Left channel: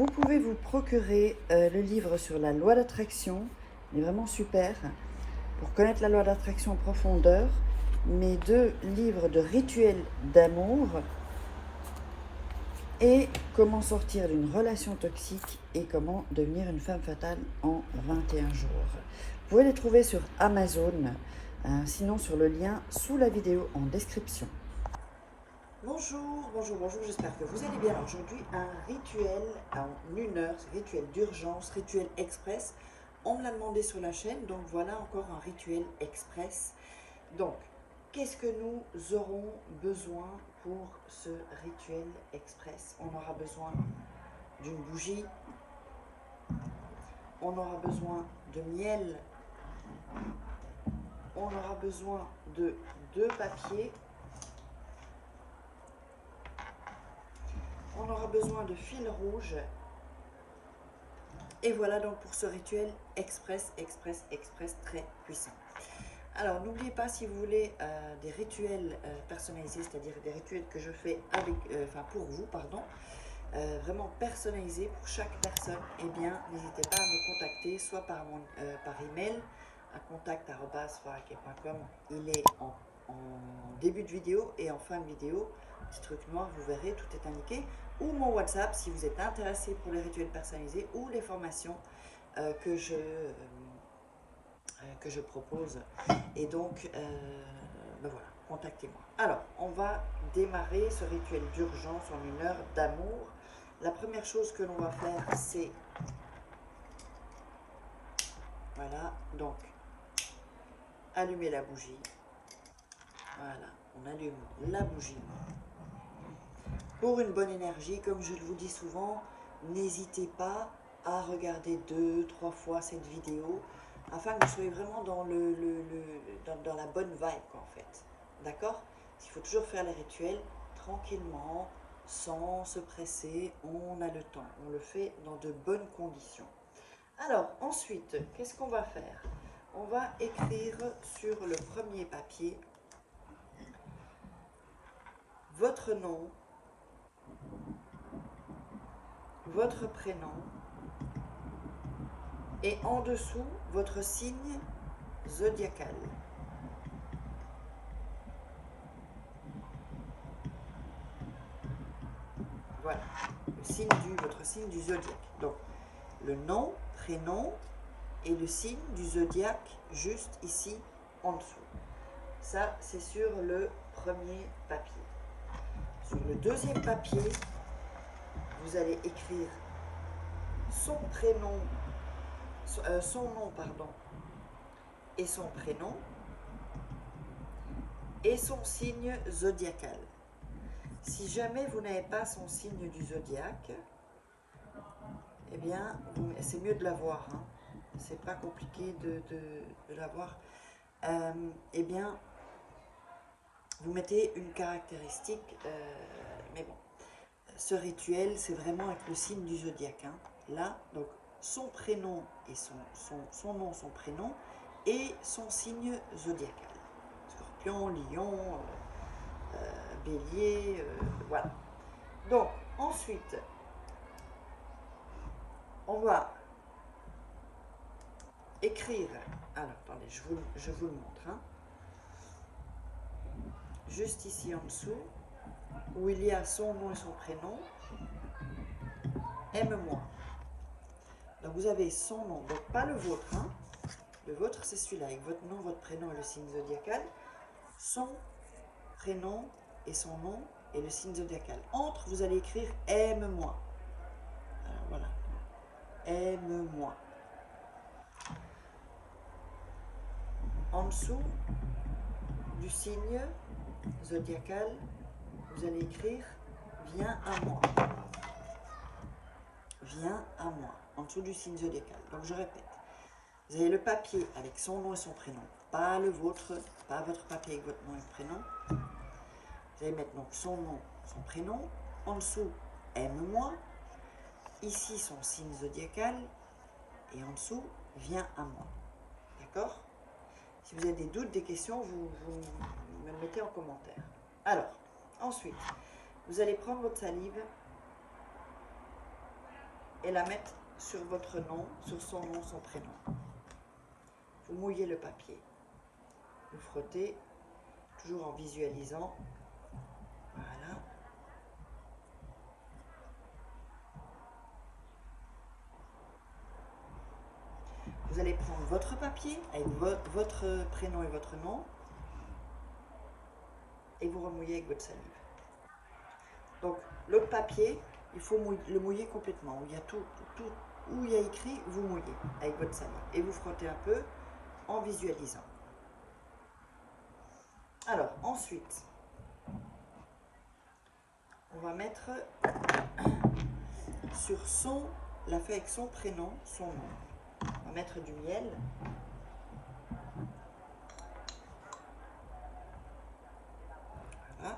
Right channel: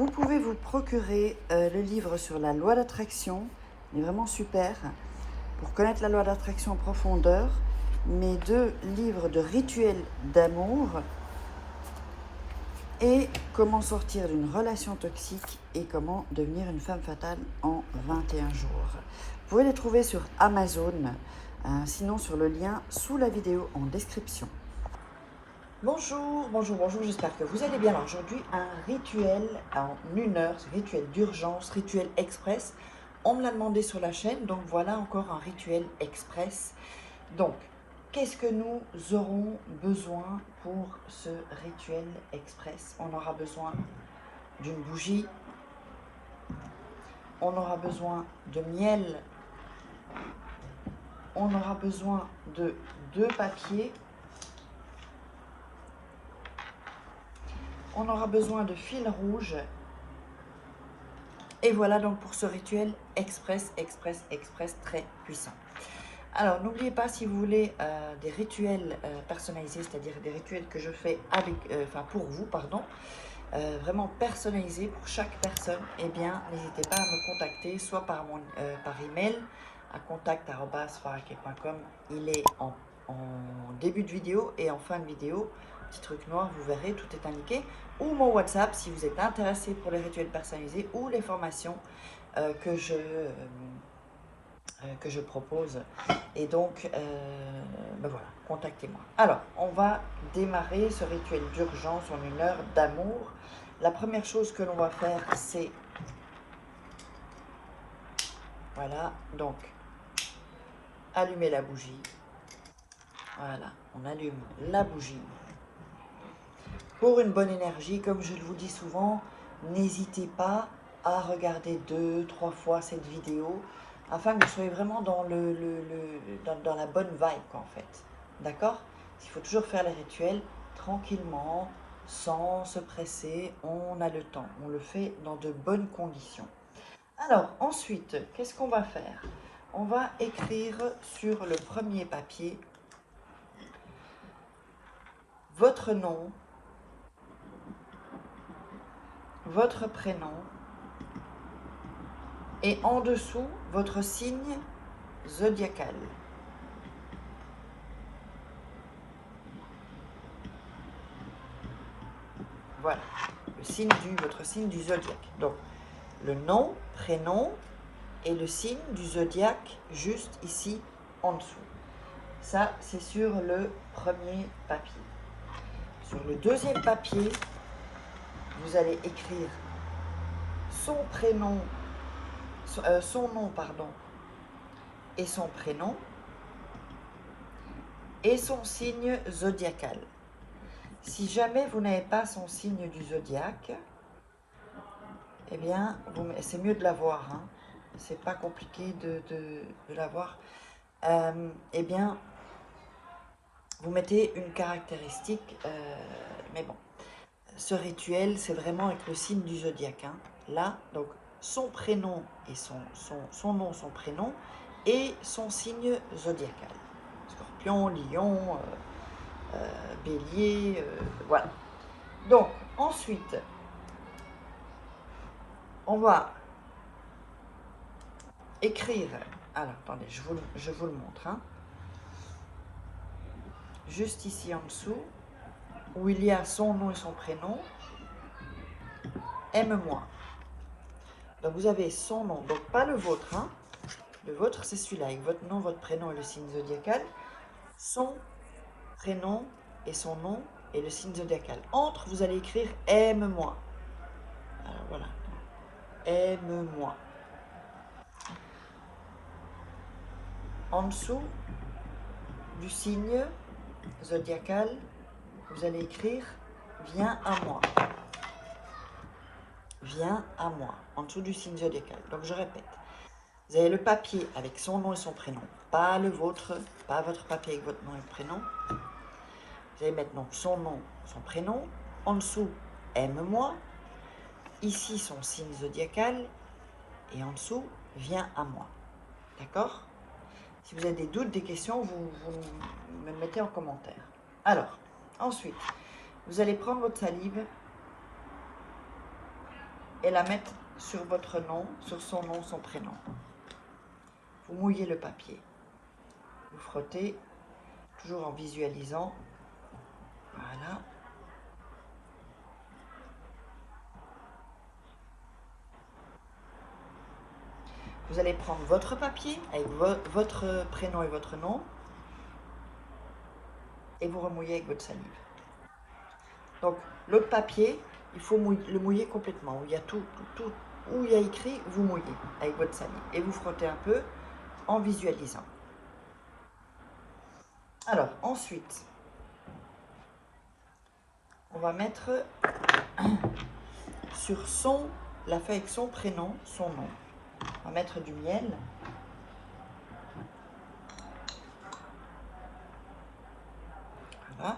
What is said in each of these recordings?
Vous pouvez vous procurer le livre sur la loi d'attraction, il est vraiment super, pour connaître la loi d'attraction en profondeur, mes 2 livres de rituels d'amour et comment sortir d'une relation toxique et comment devenir une femme fatale en 21 jours. Vous pouvez les trouver sur Amazon, sinon sur le lien sous la vidéo en description. Bonjour, bonjour, bonjour, j'espère que vous allez bien. Alors aujourd'hui, un rituel en 1 heure, rituel d'urgence, rituel express. On me l'a demandé sur la chaîne, donc voilà encore un rituel express. Donc, qu'est-ce que nous aurons besoin pour ce rituel express? On aura besoin d'une bougie, on aura besoin de miel, on aura besoin de 2 papiers, on aura besoin de fil rouge. Et voilà donc pour ce rituel express très puissant. Alors n'oubliez pas, si vous voulez des rituels personnalisés, c'est-à-dire des rituels que je fais avec, pour vous, pardon, vraiment personnalisés pour chaque personne, eh bien n'hésitez pas à me contacter, soit par email à contact@sfaraké.com. Il est en début de vidéo et en fin de vidéo, petit truc noir, vous verrez, tout est indiqué, ou mon WhatsApp si vous êtes intéressé pour les rituels personnalisés ou les formations que je propose. Et donc, ben voilà, contactez-moi. Alors, on va démarrer ce rituel d'urgence en 1 heure d'amour. La première chose que l'on va faire, c'est, voilà, donc, allumer la bougie. Voilà, on allume la bougie. Pour une bonne énergie, comme je vous dis souvent, n'hésitez pas à regarder 2-3 fois cette vidéo afin que vous soyez vraiment dans, dans la bonne vibe, quoi, en fait. D'accord? Il faut toujours faire les rituels tranquillement, sans se presser. On a le temps. On le fait dans de bonnes conditions. Alors, ensuite, qu'est-ce qu'on va faire? On va écrire sur le premier papier votre nom, votre prénom, et en dessous, votre signe zodiacal. Voilà, votre signe du zodiaque. Donc, le nom, prénom et le signe du zodiaque juste ici en dessous. Ça, c'est sur le premier papier. Sur le deuxième papier, vous allez écrire son prénom, son nom, pardon, et son prénom, et son signe zodiacal. Si jamais vous n'avez pas son signe du zodiaque, eh bien, c'est mieux de l'avoir, hein. C'est pas compliqué de l'avoir. Eh bien, vous mettez une caractéristique, mais bon, ce rituel, c'est vraiment avec le signe du zodiaque, hein. Là, donc, son prénom et son nom, son prénom, et son signe zodiacal. Scorpion, lion, bélier, voilà. Donc, ensuite, on va écrire. Alors, attendez, je vous le montre, hein. Juste ici en dessous, où il y a son nom et son prénom, aime-moi. Donc, vous avez son nom, donc pas le vôtre, hein. Le vôtre, c'est celui-là, avec votre nom, votre prénom et le signe zodiacal. Son prénom et son nom et le signe zodiacal. Entre, vous allez écrire aime-moi. Alors voilà, aime-moi. En dessous du signe zodiacal, vous allez écrire viens à moi. Viens à moi, en dessous du signe zodiacal. Donc je répète, vous avez le papier avec son nom et son prénom, pas le vôtre, pas votre papier avec votre nom et prénom. Vous allez mettre donc son nom, son prénom, en dessous aime-moi, ici son signe zodiacal, et en dessous viens à moi. D'accord? Si vous avez des doutes, des questions, vous me le mettez en commentaire. Alors, ensuite, vous allez prendre votre salive et la mettre sur votre nom, sur son nom, son prénom. Vous mouillez le papier. Vous frottez, toujours en visualisant. Voilà. Vous allez prendre votre papier avec votre prénom et votre nom et vous remouillez avec votre salive. Donc l'autre papier, il faut le mouiller complètement. Où il y a tout, où il y a écrit, vous mouillez avec votre salive. Et vous frottez un peu en visualisant. Alors ensuite, on va mettre sur la feuille avec son prénom, son nom. On va mettre du miel. Voilà.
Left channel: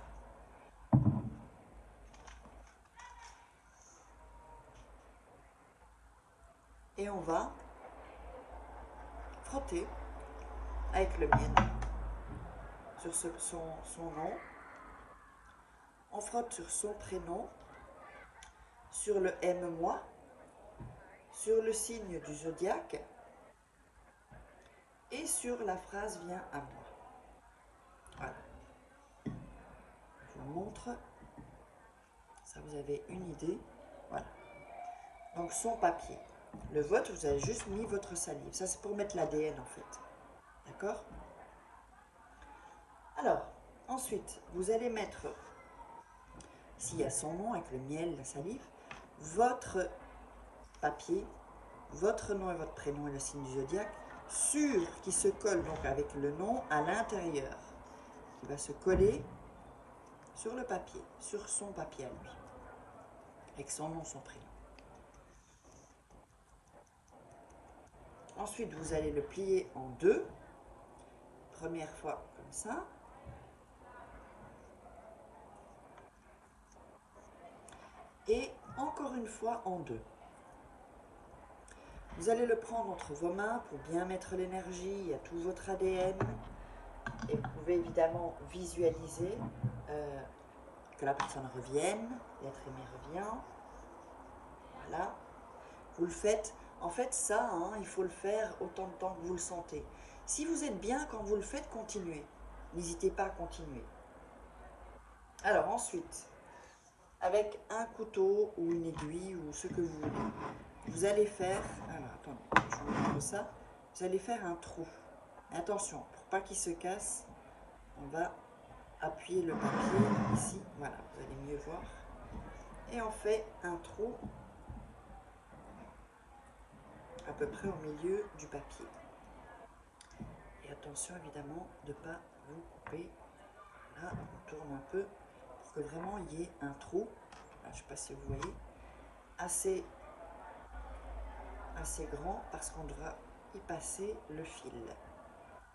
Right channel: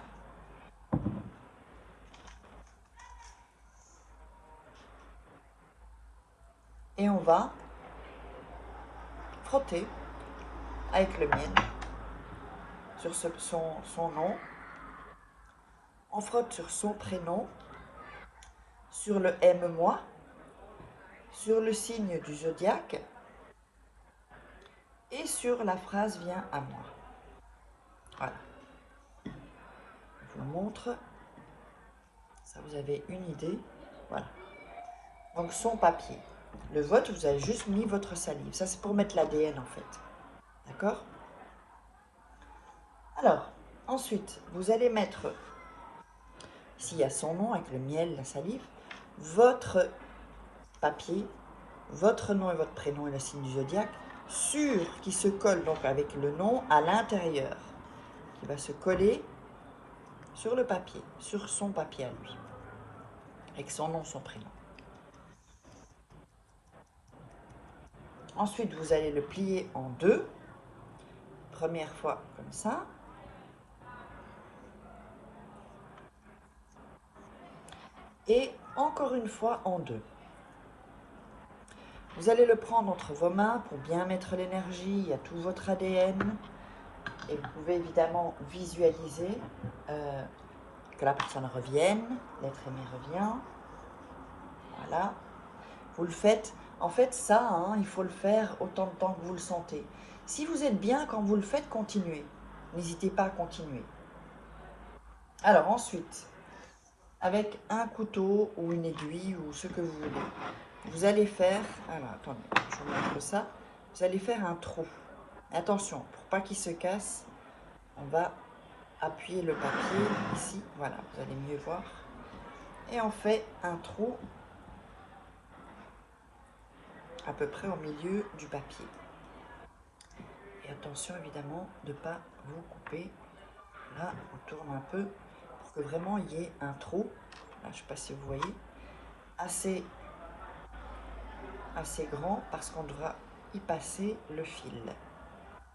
Et on va frotter avec le miel sur son nom. On frotte sur son prénom, sur le aime-moi, sur le signe du zodiaque et sur la phrase « Viens à moi ». Voilà. Je vous montre. Ça, vous avez une idée. Voilà. Donc, son papier. Le vôtre, vous avez juste mis votre salive. Ça, c'est pour mettre l'ADN, en fait. D'accord? Alors, ensuite, vous allez mettre, s'il y a son nom avec le miel, la salive, votre papier, votre nom et votre prénom et le signe du zodiaque, qui se colle donc avec le nom à l'intérieur, qui va se coller sur le papier, sur son papier à lui, avec son nom, son prénom. Ensuite, vous allez le plier en deux. Première fois comme ça. Et encore une fois en deux. Vous allez le prendre entre vos mains pour bien mettre l'énergie. Il y a tout votre ADN. Et vous pouvez évidemment visualiser que la personne revienne, l'être aimé revient. Voilà. Vous le faites. En fait, ça, il faut le faire autant de temps que vous le sentez. Si vous êtes bien quand vous le faites, continuez. N'hésitez pas à continuer. Alors ensuite, avec un couteau ou une aiguille ou ce que vous voulez, vous allez faire, alors attendez, je vous montre ça, vous allez faire un trou. Attention, pour pas qu'il se casse, on va appuyer le papier ici, voilà, vous allez mieux voir, et on fait un trou à peu près au milieu du papier. Et attention évidemment de ne pas vous couper. Là, on tourne un peu pour que vraiment il y ait un trou. Là, je ne sais pas si vous voyez, assez grand parce qu'on devra y passer le fil.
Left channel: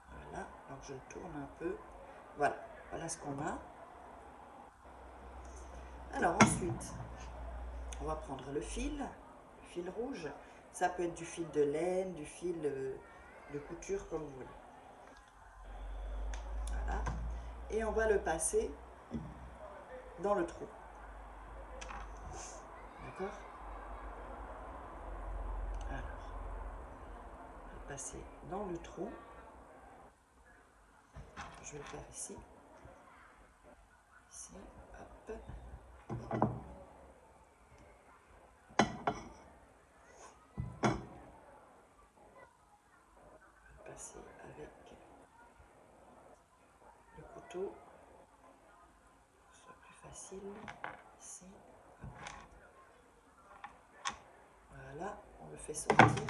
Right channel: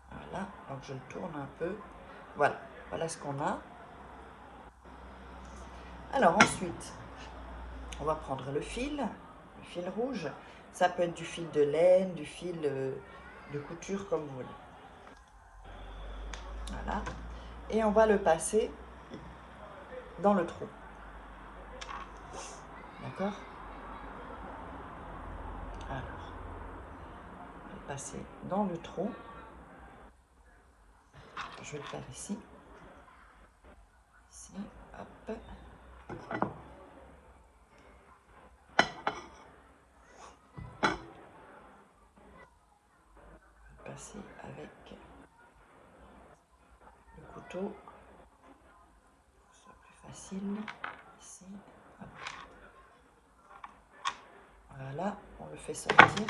Voilà, donc je le tourne un peu. Voilà, voilà ce qu'on a. Alors ensuite, on va prendre le fil rouge. Ça peut être du fil de laine, du fil de couture comme vous voulez. Voilà. Et on va le passer dans le trou. D'accord? Alors, on va le passer dans le trou. Je vais le faire ici. Ici, hop. Passer avec le couteau. Ce soit plus facile. Ici, hop. Voilà, on le fait sortir.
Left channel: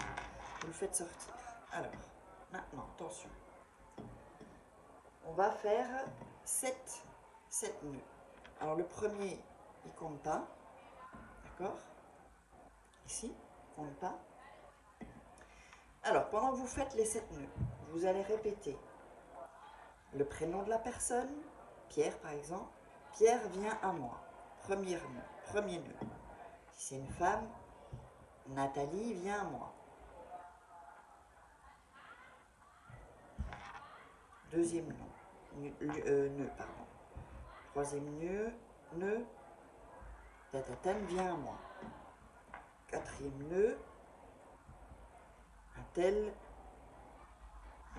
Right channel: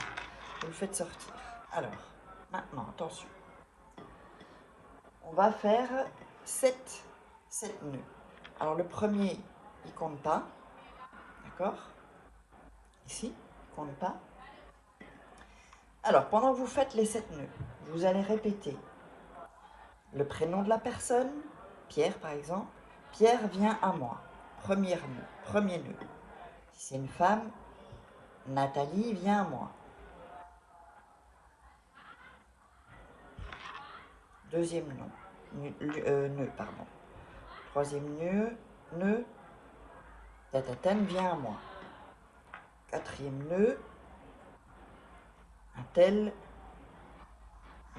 Vous le faites sortir. Alors, maintenant, attention. On va faire 7 nœuds. Alors, le premier, il ne compte pas. D'accord? Ici, il ne compte pas. Alors, pendant que vous faites les 7 nœuds, vous allez répéter le prénom de la personne, Pierre par exemple. Pierre vient à moi. Premier nœud. Si c'est une femme, Nathalie vient à moi. Deuxième nœud, pardon. Troisième nœud, Tatatam vient à moi. 4e nœud, un tel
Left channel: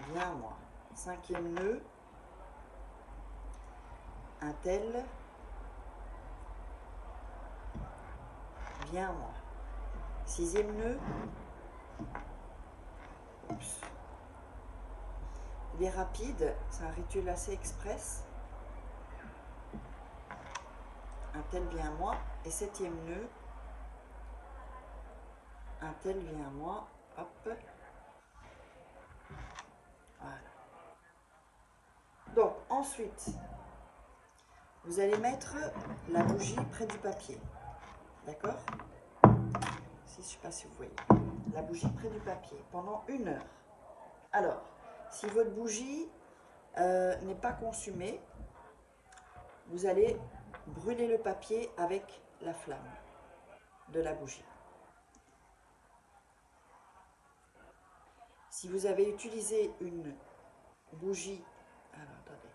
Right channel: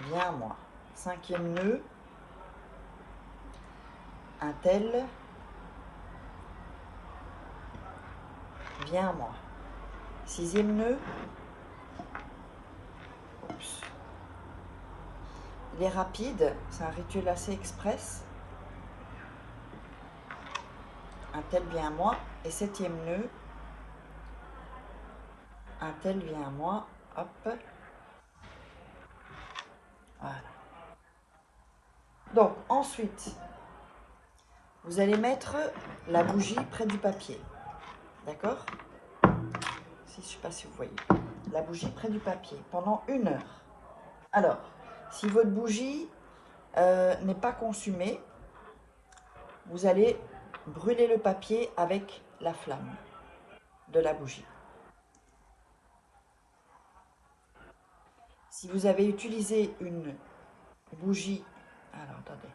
vient à moi. 5e nœud, un tel vient à moi. 6e nœud, oups. Il est rapide, c'est un rituel assez express. Un tel vient à moi. Et 7e nœud, un tel vient à moi. Hop. Voilà. Donc ensuite, vous allez mettre la bougie près du papier. D'accord? Je ne sais pas si vous voyez. La bougie près du papier pendant 1 heure. Alors, si votre bougie n'est pas consumée, vous allez brûler le papier avec la flamme de la bougie. Si vous avez utilisé une bougie, alors attendez,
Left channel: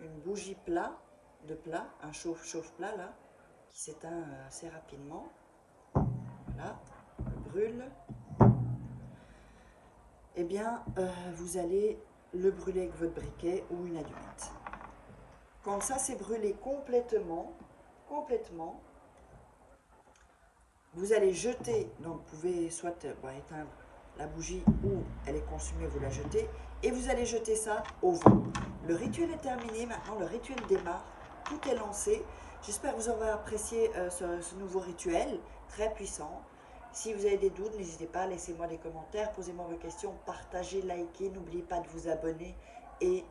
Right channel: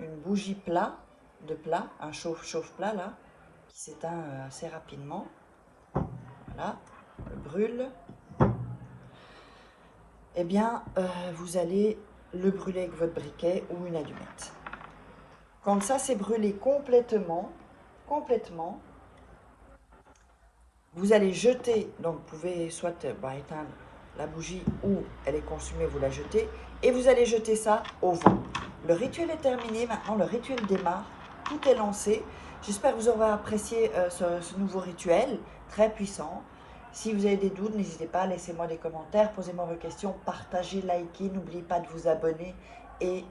une bougie de plat, un chauffe-plat là, qui s'éteint assez rapidement, voilà, brûle, eh bien vous allez le brûler avec votre briquet ou une allumette. Quand ça s'est brûlé complètement, vous allez jeter, donc vous pouvez soit éteindre la bougie ou elle est consumée, vous la jetez, et vous allez jeter ça au vent. Le rituel est terminé, maintenant le rituel démarre, tout est lancé. J'espère que vous aurez apprécié ce nouveau rituel, très puissant. Si vous avez des doutes, n'hésitez pas, laissez-moi des commentaires, posez-moi vos questions, partagez, likez, n'oubliez pas de vous abonner et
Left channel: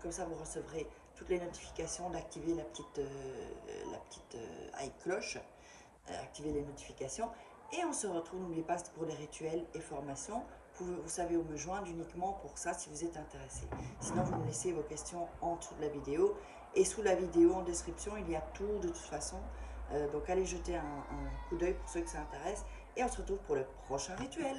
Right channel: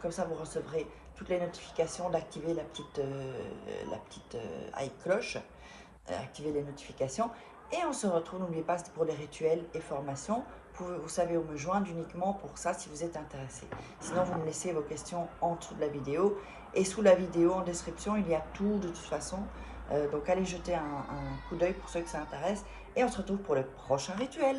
comme ça vous recevrez toutes les notifications, d'activer la petite cloche, activer les notifications. Et on se retrouve, n'oubliez pas, c'est pour les rituels et formations. Vous savez où me joindre uniquement pour ça si vous êtes intéressé. Sinon, vous me laissez vos questions en dessous de la vidéo. Et sous la vidéo, en description, il y a tout de toute façon. Donc allez jeter un coup d'œil pour ceux que ça intéresse. Et on se retrouve pour le prochain rituel.